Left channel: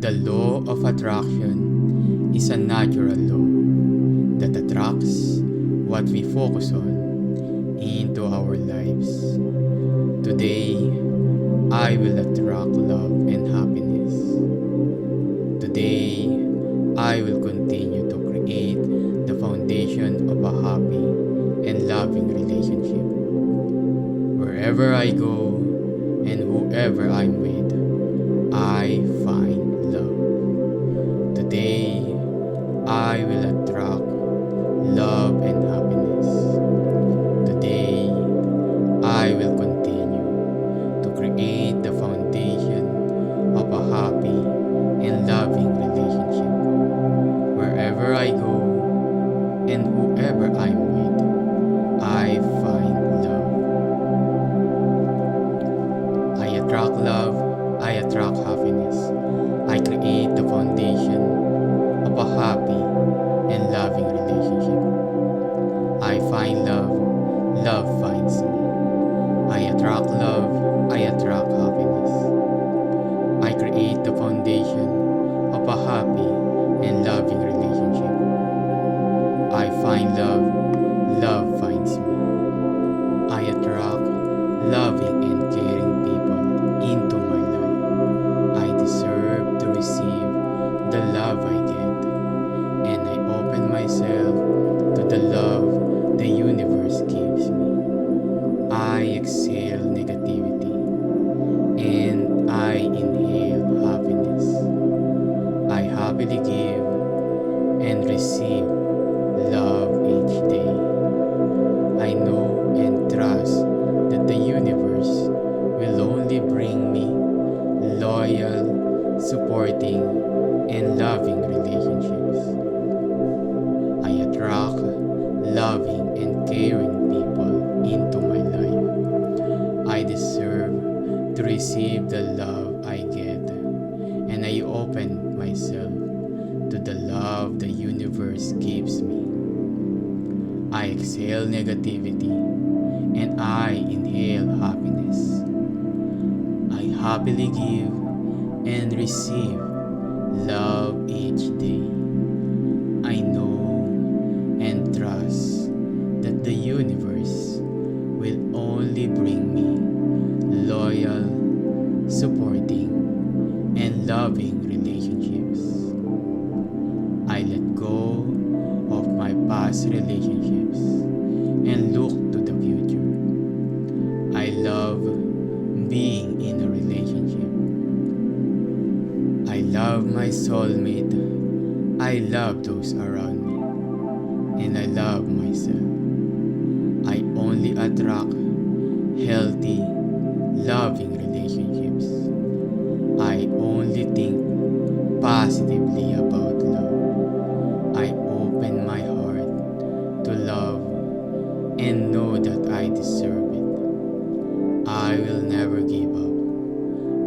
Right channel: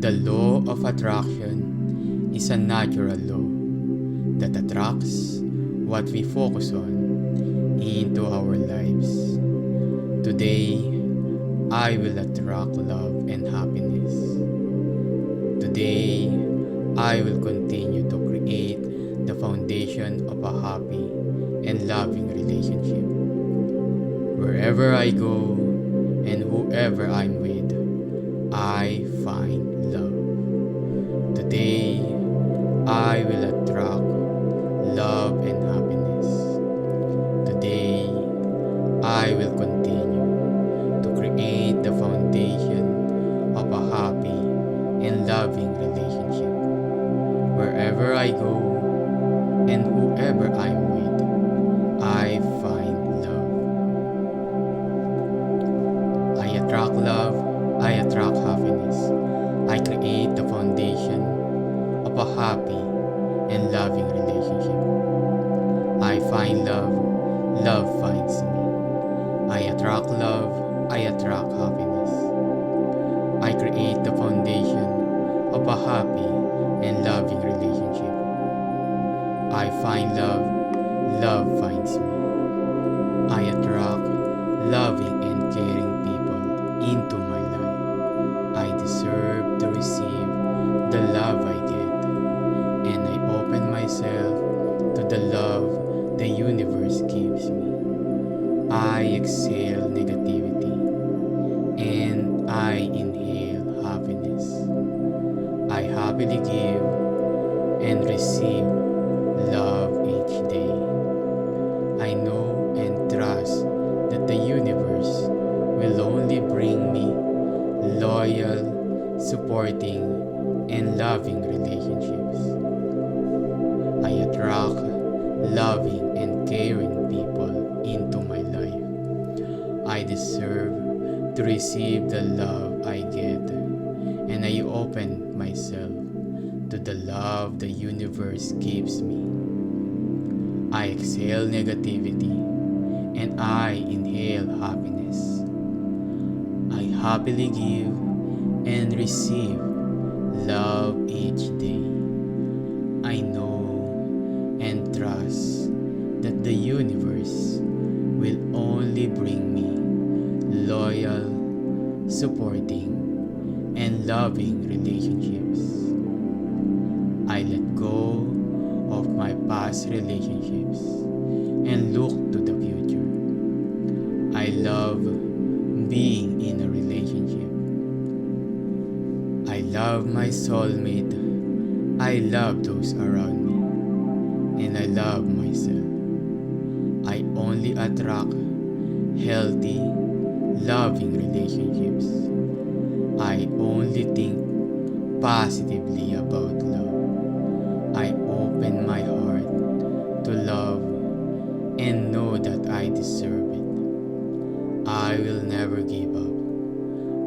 The law of attraction is a natural law that attracts what we focus on into our lives. Today, I will attract love and happiness. Today, I will continue to create the foundation of a happy and loving relationship. Wherever I go and whoever I'm with, I find love. Today, I will attract love and happiness. Today, I will continue to create the foundation of a happy and loving relationship. Wherever I go and whoever I'm with, I find love. I attract love, I attract happiness. I create the foundation of a happy and loving relationship. I find love, love finds me. I attract love, I attract happiness. I create the foundation of a happy and loving relationship. I find love, love finds me. I attract loving and caring people into my life. I deserve to receive the love I get, and I open myself to the love the universe gives me. I exhale negativity, and I inhale happiness. I happily give and receive love each day. I know and trust that the universe will only bring me loyal, supporting, and loving relationships. I attract loving and caring people into my life. I deserve to receive the love I get, and I open myself to the love the universe gives me. I exhale negativity, and I inhale happiness. I happily give and receive love each day. I know and trust that the universe will only bring me loyal, supporting, and loving relationships. I let go of my past relationships and look to the future. I love being in a relationship. I love my soulmate. I love those around me. And I love myself. I only attract healthy, loving relationships. I only think positively about love. I open my heart to love and know that I deserve it. I will never give up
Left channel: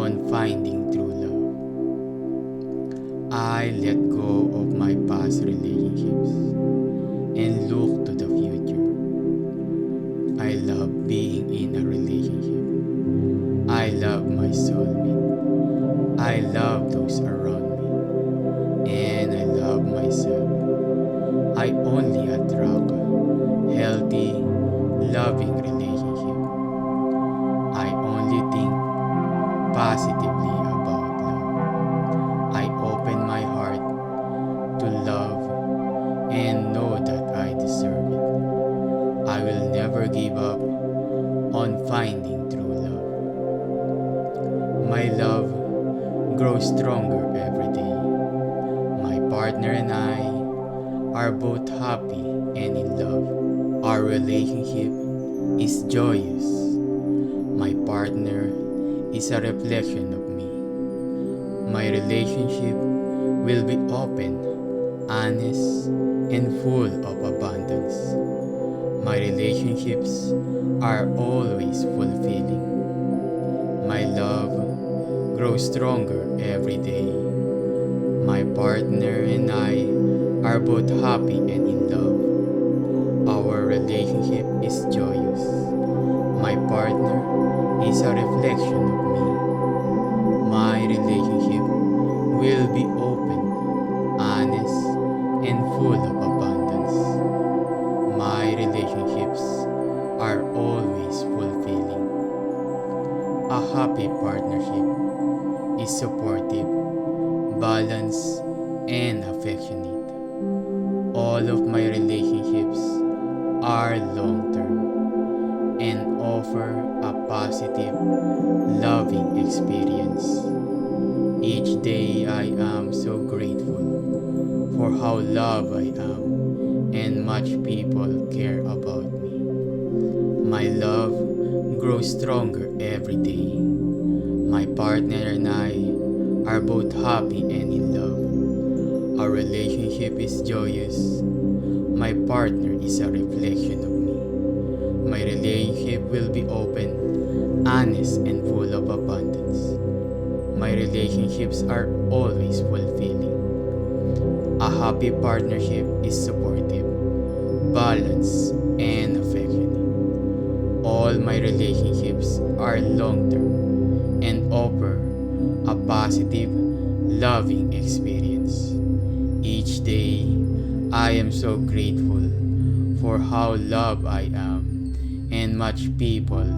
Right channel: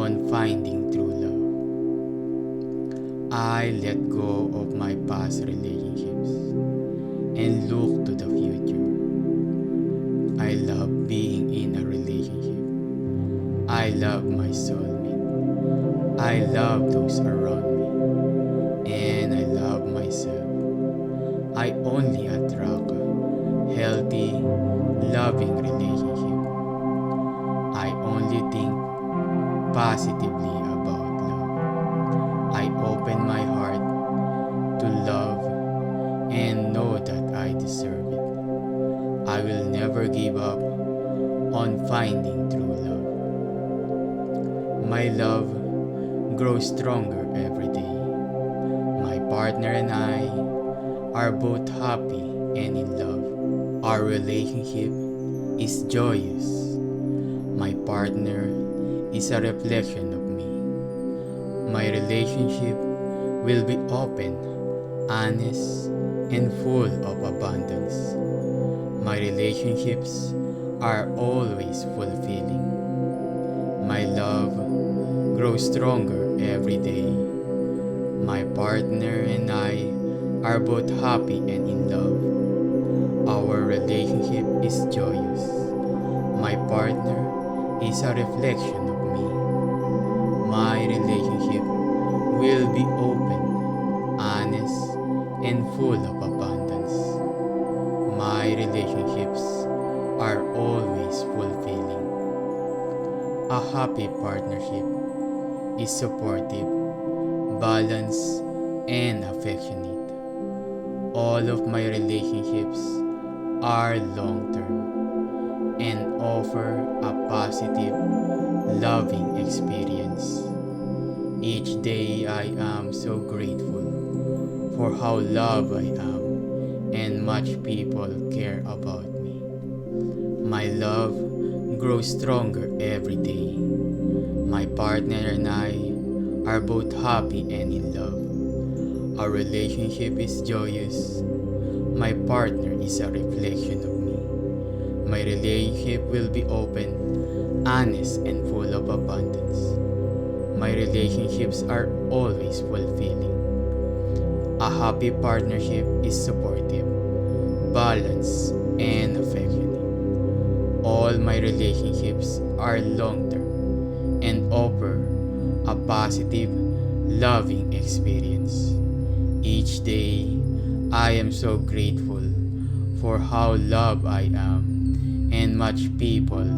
on finding true love. I let go of my past relationships and look to the future. I love being in a relationship. I love my soulmate. I love those around me. And I love myself. I only attract healthy, loving relationships. I only think positively about love. I open my heart to love and know that I deserve it. I will never give up on finding true love. My love grows stronger every day. My partner and I are both happy and in love. Our relationship is joyous. My partner is a reflection of me. My relationship will be open, honest, and full of abundance. My relationships are always fulfilling. My love grows stronger every day. My partner and I are both happy and in love. Our relationship is joyous. My partner is a reflection of me. My relationship will be open, honest, and full of abundance. My relationships are always fulfilling. A happy partnership is supportive, balanced, and affectionate. All of my relationships are long-term and offer a positive, loving experience. Each day I am so grateful for how loved I am and much people care about me. My love grows stronger every day. My partner and I are both happy and in love. Our relationship is joyous. My partner is a reflection of me. My relationship will be open, honest, and full of abundance. My relationships are always fulfilling. A happy partnership is supportive, balanced, and affectionate. All my relationships are long-term and offer a positive, loving experience. Each day, I am so grateful for how loved I am and much people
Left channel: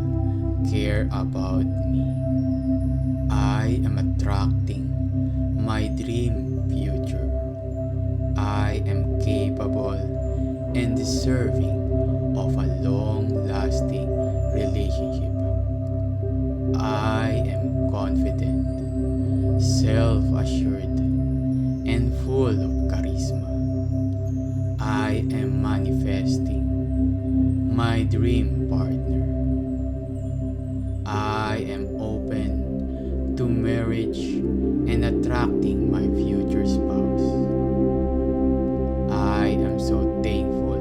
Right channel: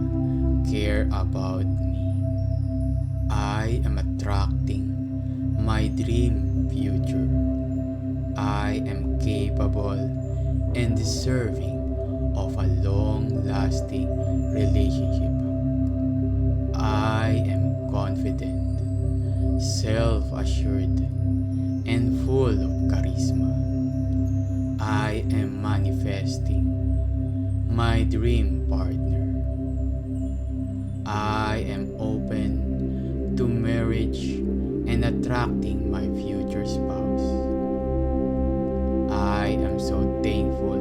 care about me. I am attracting my dream future. I am capable and deserving of a long-lasting relationship. I am confident, self-assured, and full of charisma. I am manifesting my dream partner. I am open to marriage and attracting my future spouse. I am so thankful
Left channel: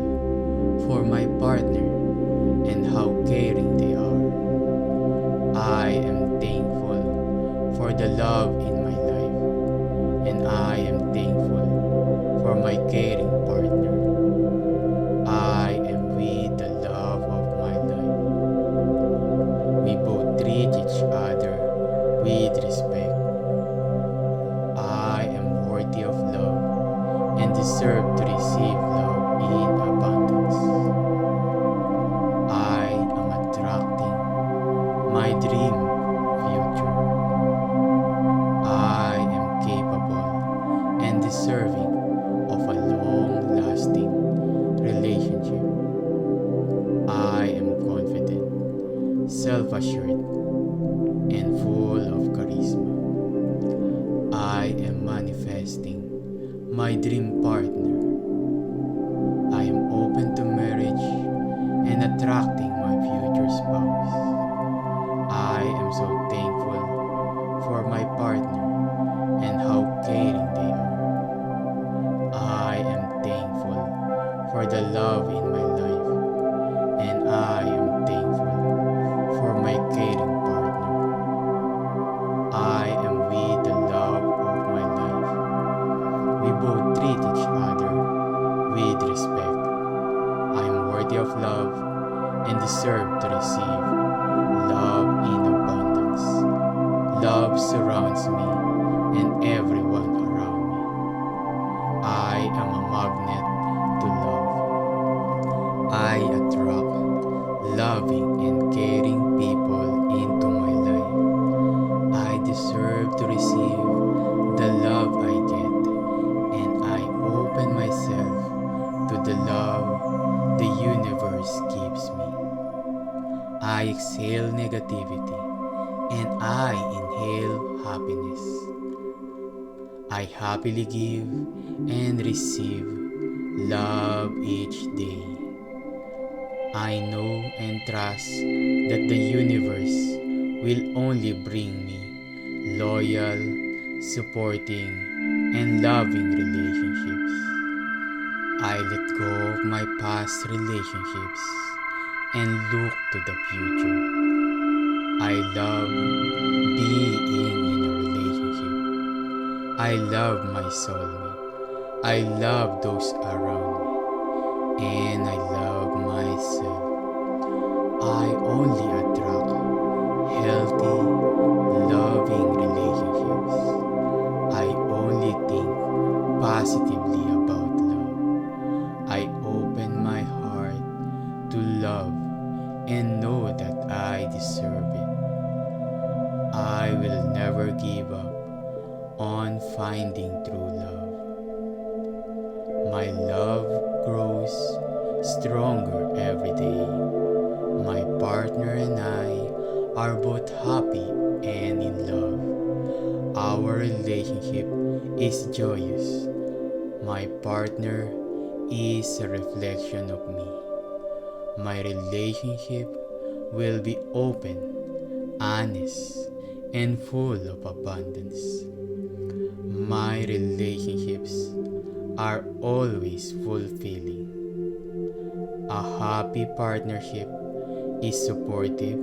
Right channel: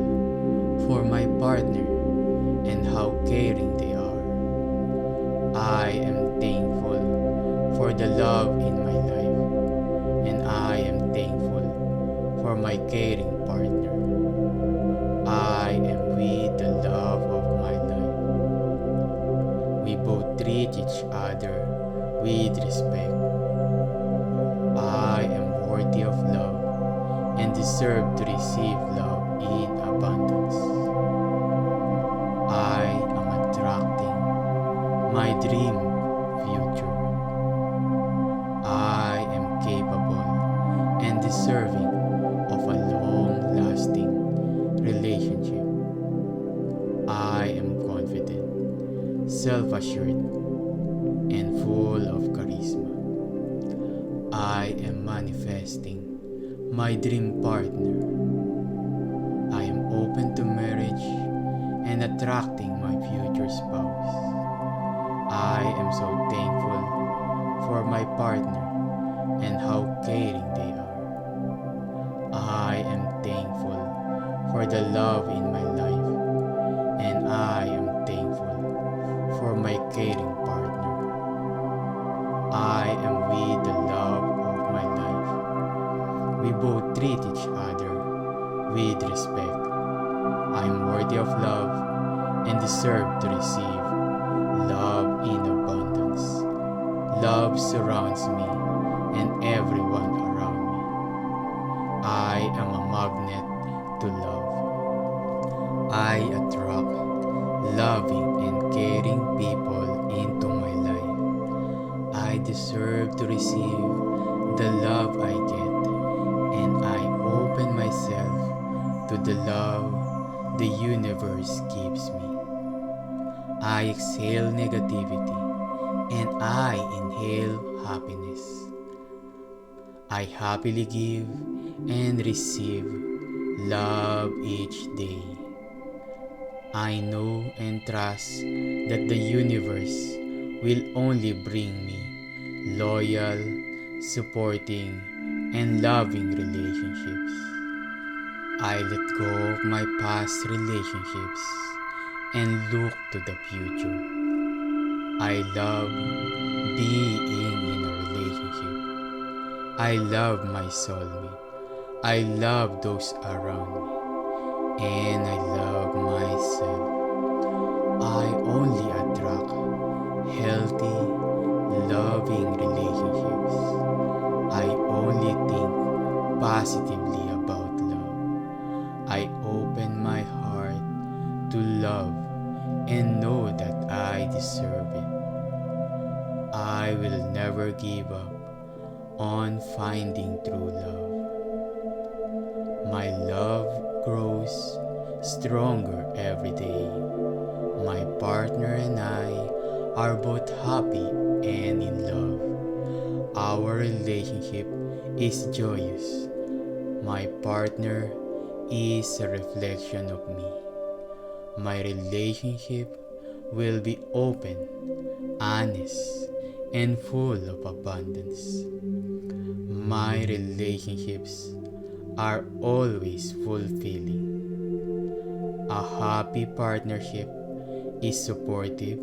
for my partner and how caring they are. I am thankful for the love in my life, and I am thankful for my caring partner. I am with the love of my life. We both treat each other with respect. I am worthy of love and deserve to receive love in abundance. I am attracting my dream future. I am capable and deserving of a long-lasting relationship. I am confident, self-assured, and full of charisma. I am manifesting my dream partner. I am open to marriage and attracting my future spouse. I am so thankful for my partner and how caring they are. I am thankful for the love in my life, and I am thankful for my caring partner. I am with the love of my life. We both treat each other with respect. I am worthy of love and deserve to receive love in abundance. Love surrounds me and everyone around me. I am a magnet to love. I attract loving and caring people into my life. I deserve to receive the love I get, and I open myself to the love the universe gives me. I exhale negativity and I inhale happiness. I happily give and receive love each day. I know and trust that the universe will only bring me loyal, supporting, and loving relationships. I let go of my past relationships and look to the future. I love being in a relationship. I love my soulmate. I love those around me. And I love myself. I only attract healthy, loving relationships. I positively about love. I open my heart to love and know that I deserve it. I will never give up on finding true love. My love grows stronger every day. My partner and I are both happy and in love. Our relationship is joyous. My partner is a reflection of me. My relationship will be open, honest, and full of abundance. My relationships are always fulfilling. A happy partnership is supportive,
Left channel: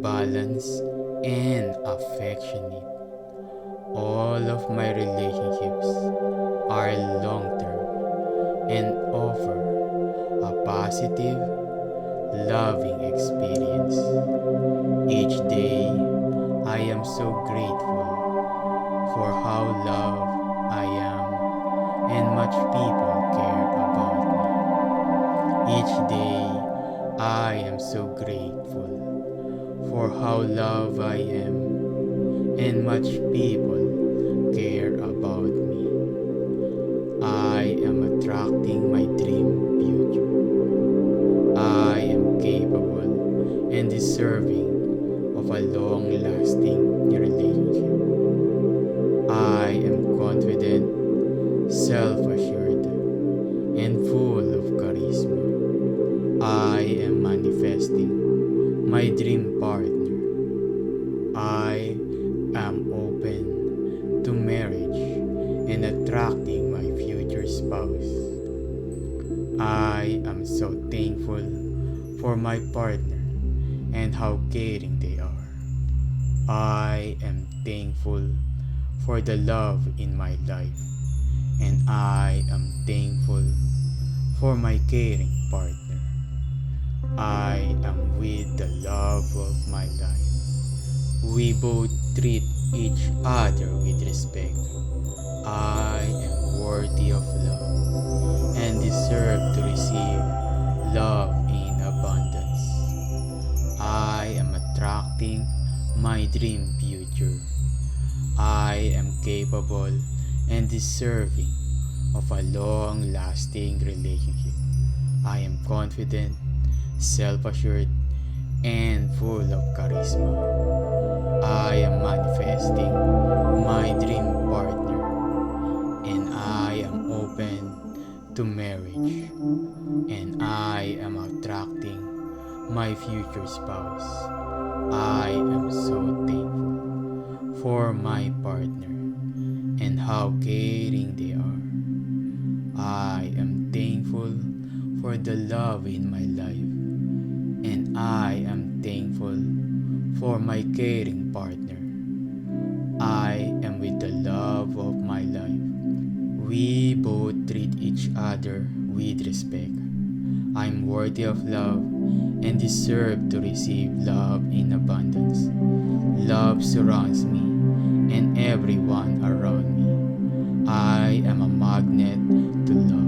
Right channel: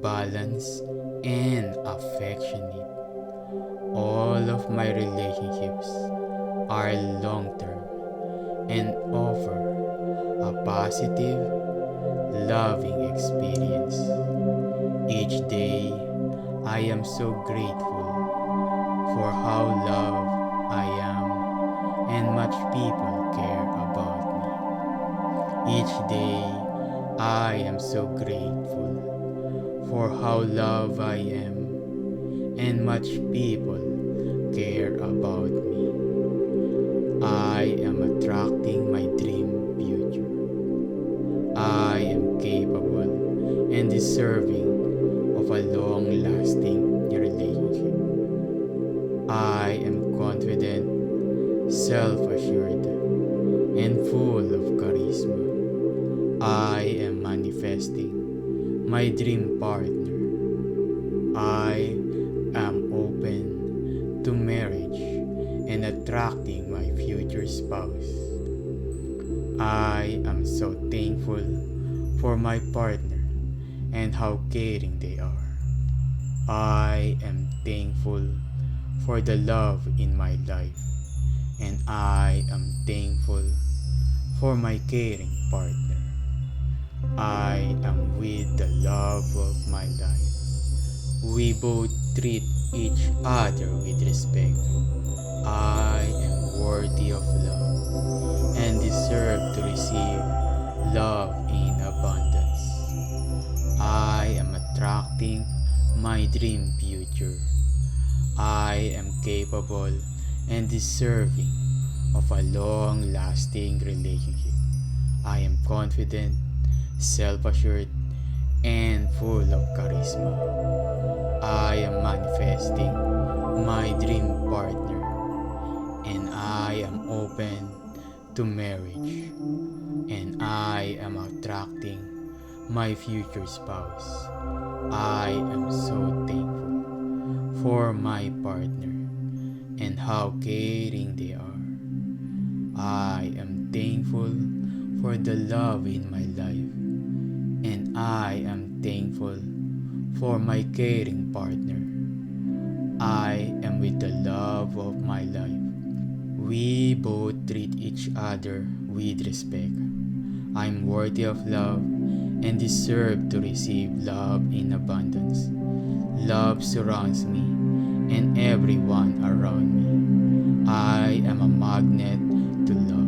balanced, and affectionate. All of my relationships are long-term and offer a positive, loving experience. Each day, I am so grateful for how loved I am and much people care about me. Each day, I am so grateful for how loved I am and much people care about me. I am attracting my dream future. I am capable and deserving of a long-lasting relationship. I am confident, self-assured, and full of charisma. I am manifesting my dream partner. I am open to marriage and attracting my future spouse. I am so thankful for my partner and how caring they are. I am thankful for the love in my life, and I am thankful for my caring partner. I am with the love of my life. We both treat each other with respect. I am worthy of love and deserve to receive love in abundance. I am attracting my dream future. I am capable and deserving of a long-lasting relationship. I am confident, self-assured, and full of charisma. I am manifesting my dream partner, and I am open to marriage, and I am attracting my future spouse. I am so thankful for my partner and how caring they are. I am thankful for the love in my life, and I am thankful for my caring partner. I am with the love of my life. We both treat each other with respect. I'm worthy of love and deserve to receive love in abundance. Love surrounds me and everyone around me. I am a magnet to love.